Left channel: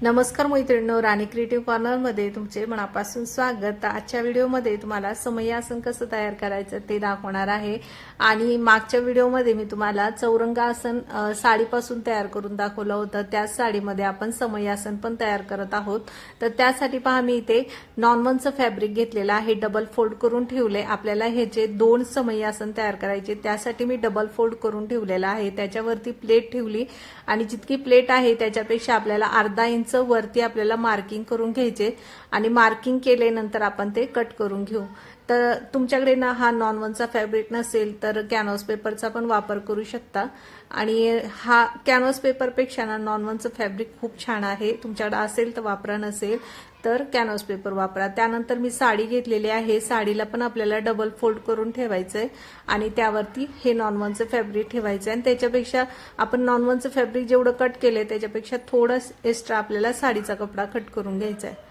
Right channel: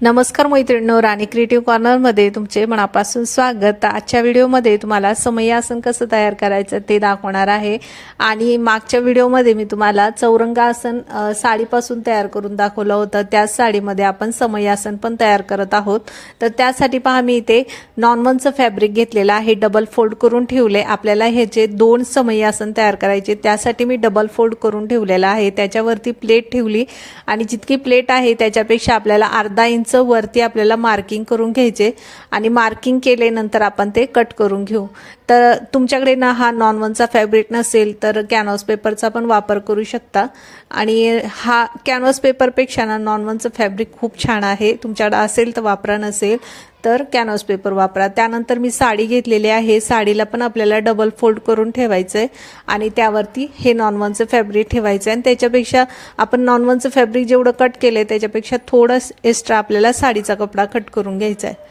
नमस्कार मैत्रिणींनो, राणी क्रिएटिव्ह कॉर्नरमध्ये तुमचे मनापासून स्वागत। आजच्या व्हिडिओमध्ये तुम्हाला समई आसन कसं तयार करायचं ते दाखवणार आहे। आणि मागच्या व्हिडिओमध्ये मी तुम्हाला चौरंग आसन साडीपासून तयार करून दाखवलं होतं। त्याच साडीमध्ये आपण समई आसन पण तयार करत आहोत। तर त्यासाठी पहा, मी इथे नॉनवनचं फॅब्रिक घेतलेलं आहे, डबल फोल्ड करून ठेवले। आपल्याला हे जे दोन समई आसन तयार करायचे त्यासाठी मी डबल फोल्ड करून ठेवलेलं आहे। त्याच्यावरती प्लेट ठेवली आणि जितकी प्लेट आहे त्याच्यापेक्षा आपल्याला अर्धा इंच वरती आपल्याला मार्किंग करून घ्यायचे आणि मार्किंग केल्यानंतर आपण ते कट करून घेऊ। तर तुमच्याकडे ना हा नॉनवनचा फॅब्रिक नसेल तर कॅनव्हास पेपरचा पण वापर करू शकता। आणि हा कॅनव्हास पेपरपेक्षा ना नॉनवनचं फॅब्रिक खूप छान आहे। तुमच्याकडे असेल तर वापरा, नसेल तर कॅनव्हास पेपर वापरा। त्यानंतर मी साडी घेतलेली आहे, साडीला पण आपल्याला डबल फोल्ड करून ठेवायचं आहे आणि त्यावरती हे नॉनवनचं फॅब्रिक ठेवायचं आहे। आणि त्याच्यापेक्षा आपण नॉनवनचं फॅब्रिक जेवढं कट केले त्याच्यापेक्षा थोडं एक्स्ट्रा आपल्याला साडीचा कपडा कट करून घ्यायचा आहे।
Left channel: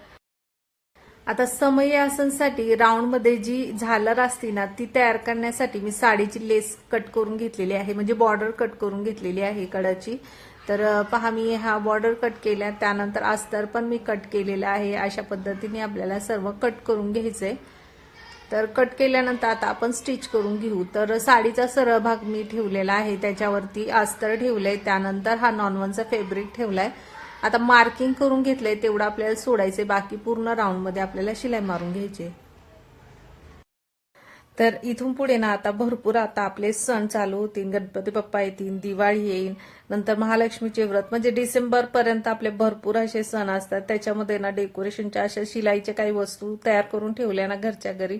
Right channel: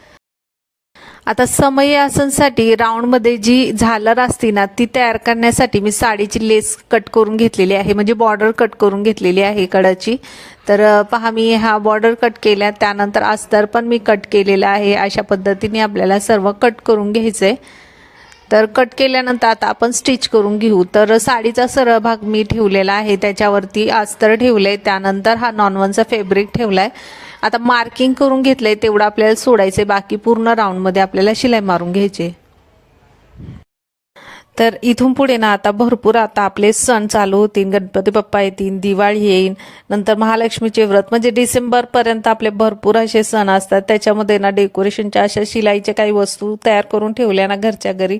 आता समई आसनसाठी राऊंडमध्ये जी झालर असते ना ती तयार करण्यासाठी मी साडीची लेस कट करून घेतलेली आहे, म्हणजे बॉर्डर कट करून घेतलेली आहे कडाची। तर पहा, मी हा बॉर्डर कट केला, त्यानंतर अस्तर पण मी कट केलेला आहे। अशा पद्धतीने आपल्याला सर्व कट करून घ्यायचंय। तर कट केल्यानंतर आता आपण स्टिच करून घेऊ। तर साडीचा सरळ भाग मी ठेवलेला आहे, त्याच्यावरती अस्तर ठेवले, त्यानंतर हा नॉनवनचा फॅब्रिक ठेवलाय। आता मार्किंग करून घेतलंय तेवढं आपल्याला सोडायचे, बाकी पूर्ण राऊंडमध्ये आपल्याला शिलाई मारून घ्यायची। तर इथून पुढे ना आता भरपूर आता आपले सण चालू होतील, गणपती बाप्पा येतील, दिवाळी येईल, नंतर महालक्ष्मीचे व्रत, म्हणजे डिसेंबरपर्यंत आपले भरपूर असे सण असतात। त्याच्यामध्ये ना डेकोरेशनच्या अशा शिलाईच्या काही वस्तू तयार करून ठेवल्या ना घरच्या घरी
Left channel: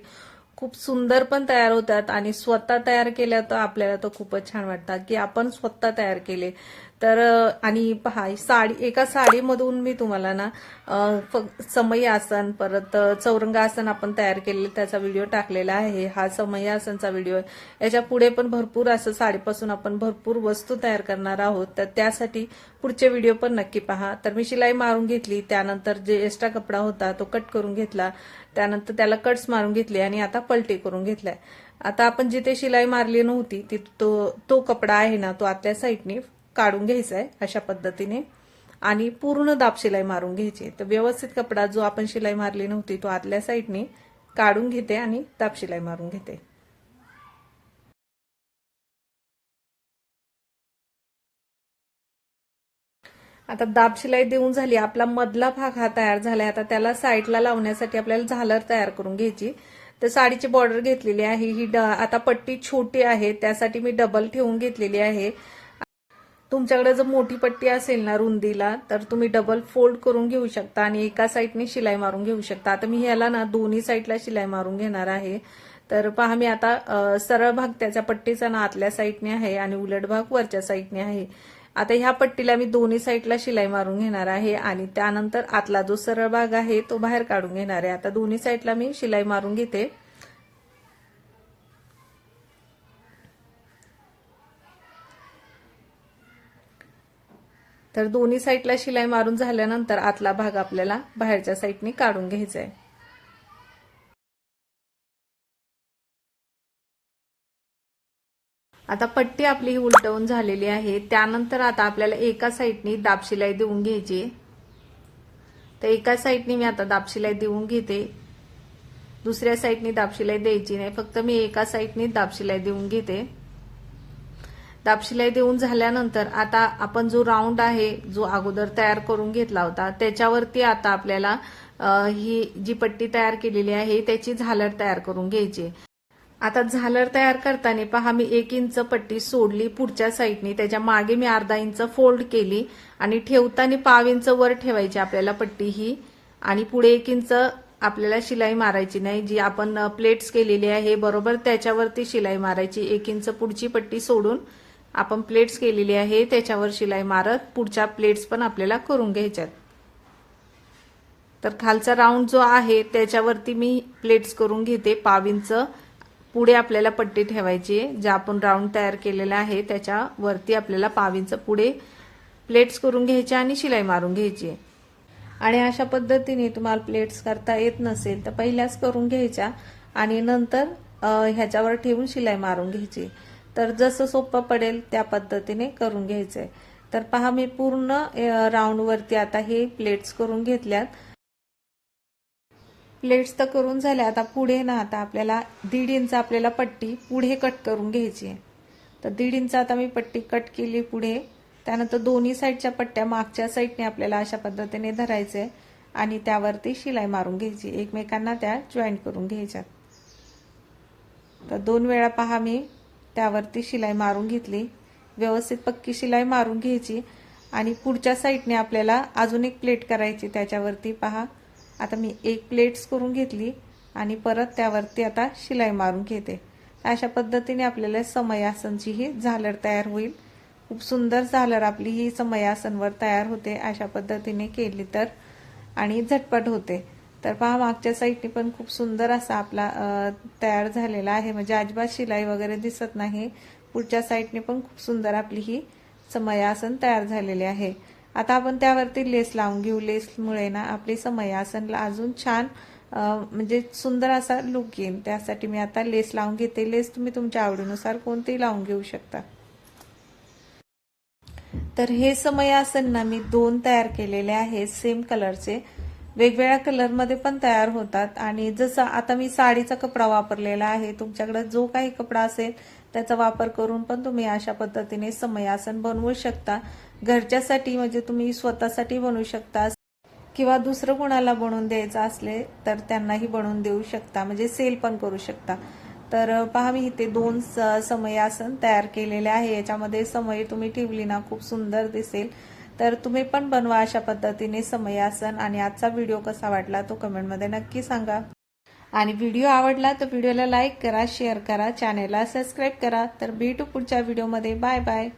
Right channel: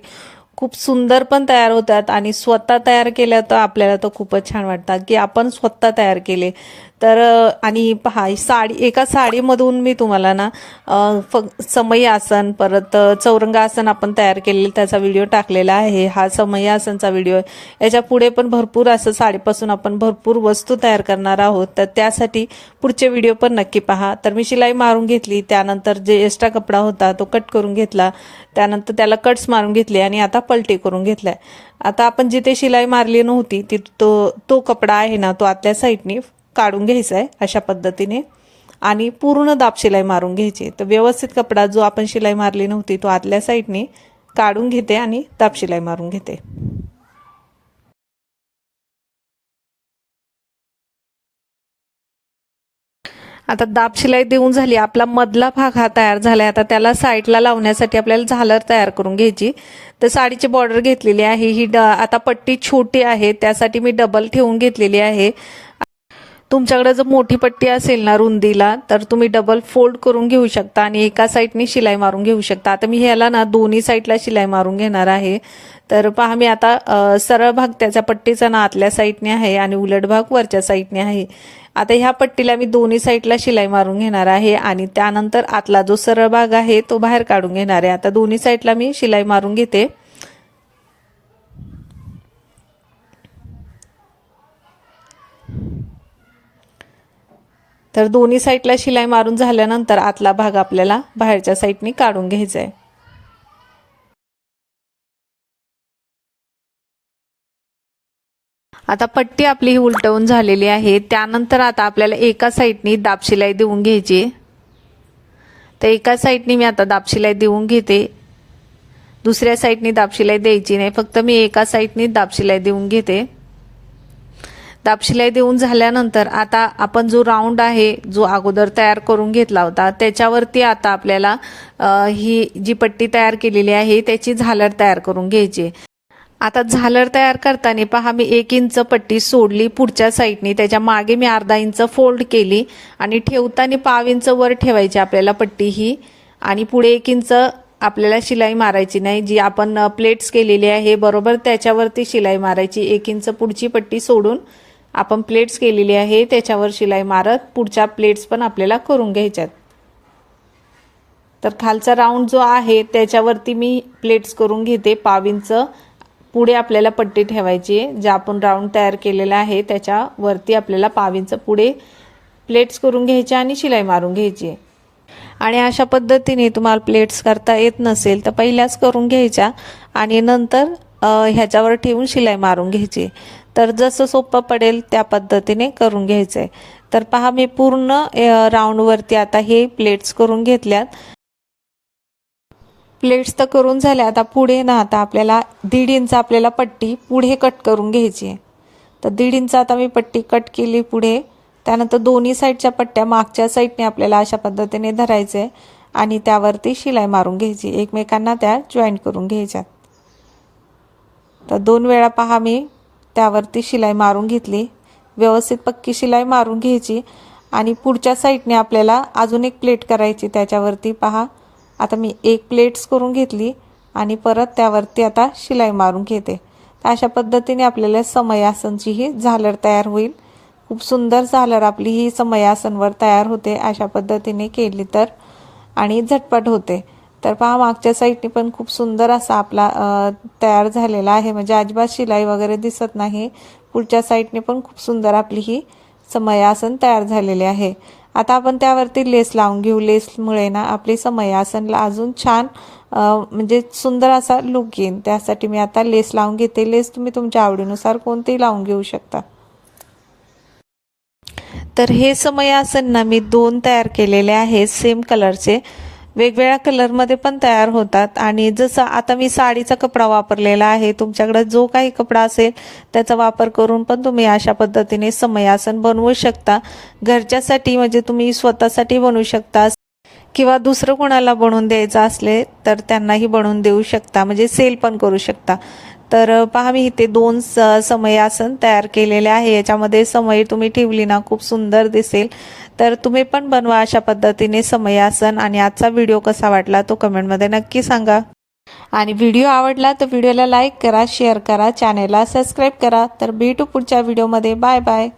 खूप सुंदर पण तयार होतात आणि स्वतः तयार केल्या तर आपल्याला तर खूपच छान वाटतं की आपण स्वतः तयार केले। तर आणि पहा, साडी एका साडीमधून मी तुम्हाला ना समई आसन, परत चौरंग आसन आपण तयार केलेलं त्याचा व्हिडिओ टाकलेला आहे। हा समई आसनचा व्हिडिओ आहे। याच्या पुढे पण भरपूर असं साडीपासून आपण भरपूर वस्तू तयार करणार आहोत, तर त्यासाठी पुढचे व्हिडिओ पण नक्की पहा। तर मी शिलाई मारून घेतली, त्यानंतर जे एक्स्ट्रा कपडा होता तो कट करून घेतला, त्यानंतर त्याला कट्स मारून घेतले आणि आता पलटी करून घेतलाय। आता आपण जिथे शिलाई मारली नव्हती तो कपडा आहे ना तो आतल्या साईडने काढून घ्यायचा आहे अशा पद्धतीने आणि पूर्ण दाब शिलाई मारून घ्यायची। तर व्यवस्थित कपडा जो आपण शिलाई मारली नव्हती तो आतल्या साईडने काढून घेते आणि दाब शिलाई मारून घेते। आता दाब शिलाई देऊन झाली, आपला मधला भाग हा तयार झालाय। आता त्याला साईडला लावण्यासाठी आपल्याला झालर तयार करून घ्यायची। तर साडीची बॉर्डर घेतलेली आहे, ही आता पट्टी छोटी आहे त्यासाठी मी डबल ठेवून घेतलेली आहे। तुमच्याकडे जर मोठी पट्टी असेल ना रुंदीला तर तुम्ही डबल फोल्ड करून घेऊ शकता आणि एका साईडने शिलाई मारून घेऊ शकता। आता मी ह्याला ना दोन्ही साईडला शिलाई मारून घेणार आहे। तर पहा, मी आता सरळ भाग त्याच्या पट्टीचा ना आतल्या साईडने आहे आणि उलट भाग वरच्या साईडने आहे। आता ह्या पट्टीला मी दोन्ही साईडला शिलाई मारून घेणार आहे आणि त्यानंतर आतला जो सरळ भाग आहे तो बाहेर काढून घेणार आहे। आता दोन्ही साईडला मी शिलाई मारून घेते। तर दोन्ही साईडला शिलाई मारून झाल्यानंतर आतला भाग आपल्याला बाहेरच्या साईडने काढून घ्यायचा आहे। आता पट्टी आपली ही उलटवून झालेली आहे, त्यानंतर आता आपल्याला एका साईडने दाब शिलाई देऊन घ्यायची। तर एका साईडने मी आता दाब शिलाई देऊन घेते, दुसऱ्या साईडने दाब शिलाई द्यायची नाही, फक्त मी एका साईडने दाब शिलाई देऊन घेते। दाब शिलाई देऊन झाल्यानंतर आता आपण जो राऊंड आहे जो अगोदर तयार करून घेतला होता त्याच्यावरती आता आपल्याला ही जी पट्टी तयार केलेली आहे त्याची झालर तयार करून घ्यायची। आता झालर तयार करताना पहा, मी 1 इंच पट्टी सोडली पुढच्या साईडने, त्याच्या मागे मी अर्धा इंच फोल्ड केली आणि ठेवताना पाव इंच वर ठेवायची आपल्याला पट्टी ही आणि पुढे 1 इंच आपल्याला शिलाई मारायची नाही। जी आपण प्लेट्स केलेली आहे बरोबर त्याच्यावरती शिलाई मारायची। 1 इंच पुढची पट्टी सोडून आपण प्लेट्स केलेली आहे त्याच्यावर शिलाई मारत पुढच्या प्लेट्स पण आपल्याला करून घ्यायच्यात। तर खालचा राऊंड जो आहे त्याच्यावरती मी प्लेट्स करून घेते, पाव इंच पुढे आपल्याला पट्टी ठेवायची आहे। जे आपण राऊंड तयार केलेला आहे त्याच्यावरती आपल्याला पाव इंच पुढे प्लेट्स करून घ्यायच्या आणि शिलाई मारून घ्यायची। आणि अशा पद्धतीने तुम्हाला प्लेट्स करता येत नसेल तर पहिल्याच करून घ्यायच्या आणि नंतर ह्याच्यावर ठेवून शिलाई मारून घ्यायची। तर जसं सोपं पडेल त्या पद्धतीने करून घ्यायचंय। तर पहा मी पूर्ण राऊंडवरती आता हे प्लेट्स करून घेतल्यात। प्लेट्स तर करून झाल्या, आता पुढे ना आता आपल्याला 1.5 इंच आपल्याला पट्टी पुढे कट करून घ्यायची आहे। तर 1.5 इंच आता मी पट्टी कट केली पुढे। त्यानंतर दोन्ही साईडच्या पट्ट्या मागच्या साईडने आपल्याला अशा पद्धतीने धरायचे आणि त्यावरती शिलाई मारून घ्यायची, एकमेकांना त्या जॉईंट करून घ्यायच्या। तर 2 वेळा पहा मी त्यावरती शिलाई मारून घेतली, व्यवस्थित पक्की शिलाई मारून घ्यायची आणि पुढच्या साईडने आपल्याला अजून एक प्लेट करायची। त्याच्यावरती पहा आता मी एक प्लेट्स करून घेतली आणि परत त्यावरती आता शिलाई मारून घेते। तर अशा पद्धतीने आपल्याला समयासनची ही झालर तयार होईल। खूप सुंदर झालर आपली ही समयासनवर तयार होते अशा पद्धतीने केली तर, आणि झटपट होते। तर पहा मागच्या साईडने पण खूप सुंदर असा आपला तयार झालेला आहे, म्हणजे अजिबात शिलाई वगैरे दिसत नाही। पुढच्या साईडने पण खूप सुंदर आपली ही समयासन तयार झालेले आहे। आता आपण त्यावरती लेस लावून घेऊ। लेसमुळे ना आपली समयासनला अजून छान म्हणजे सुंदर असा लुक येईल। त्यासाठी मी आता लेस लावून घेते। लेस तुम्ही तुमच्या आवडीनुसार कोणतेही लावून घेऊ शकता। तर हे समयासन ना मी 2 तयार केलेले आहेत सेम कलरचे, वेगवेगळ्या कलरमध्ये पण तयार होतात। आणि जसं आता मी साडीचा कपडा वापरलेला आहे, तुमच्याकडे जो काही कपडा असेल त्याचा वापर करून पण तुम्ही अशा पद्धतीने समयासन बनवू शकता। घरच्यासाठी म्हणजे तुम्ही स्वतःसाठी बनवू शकता किंवा दुसरं कोणाला बनवून द्यायचं असले तर त्यांनाही बनवून देऊ शकता, म्हणजे सेल पण करू शकता। तर पहा मी इथे 2 समयासन तयार केलेले आहे। याच्यामध्ये समय तुम्ही ठेवली ना खूप सुंदर दिसेल। तर तुम्ही पण बनवा अशा पद्धतीने समयासन। आणि आजचा व्हिडिओ कसा वाटला तो कमेंटमध्ये नक्की सांगा। आणि व्हिडिओ आवडला तर व्हिडिओला लाईक करा, शेअर करा, चॅनेलला सबस्क्राईब करा। तर भेटू पुढच्या व्हिडिओमध्ये। Bye bye.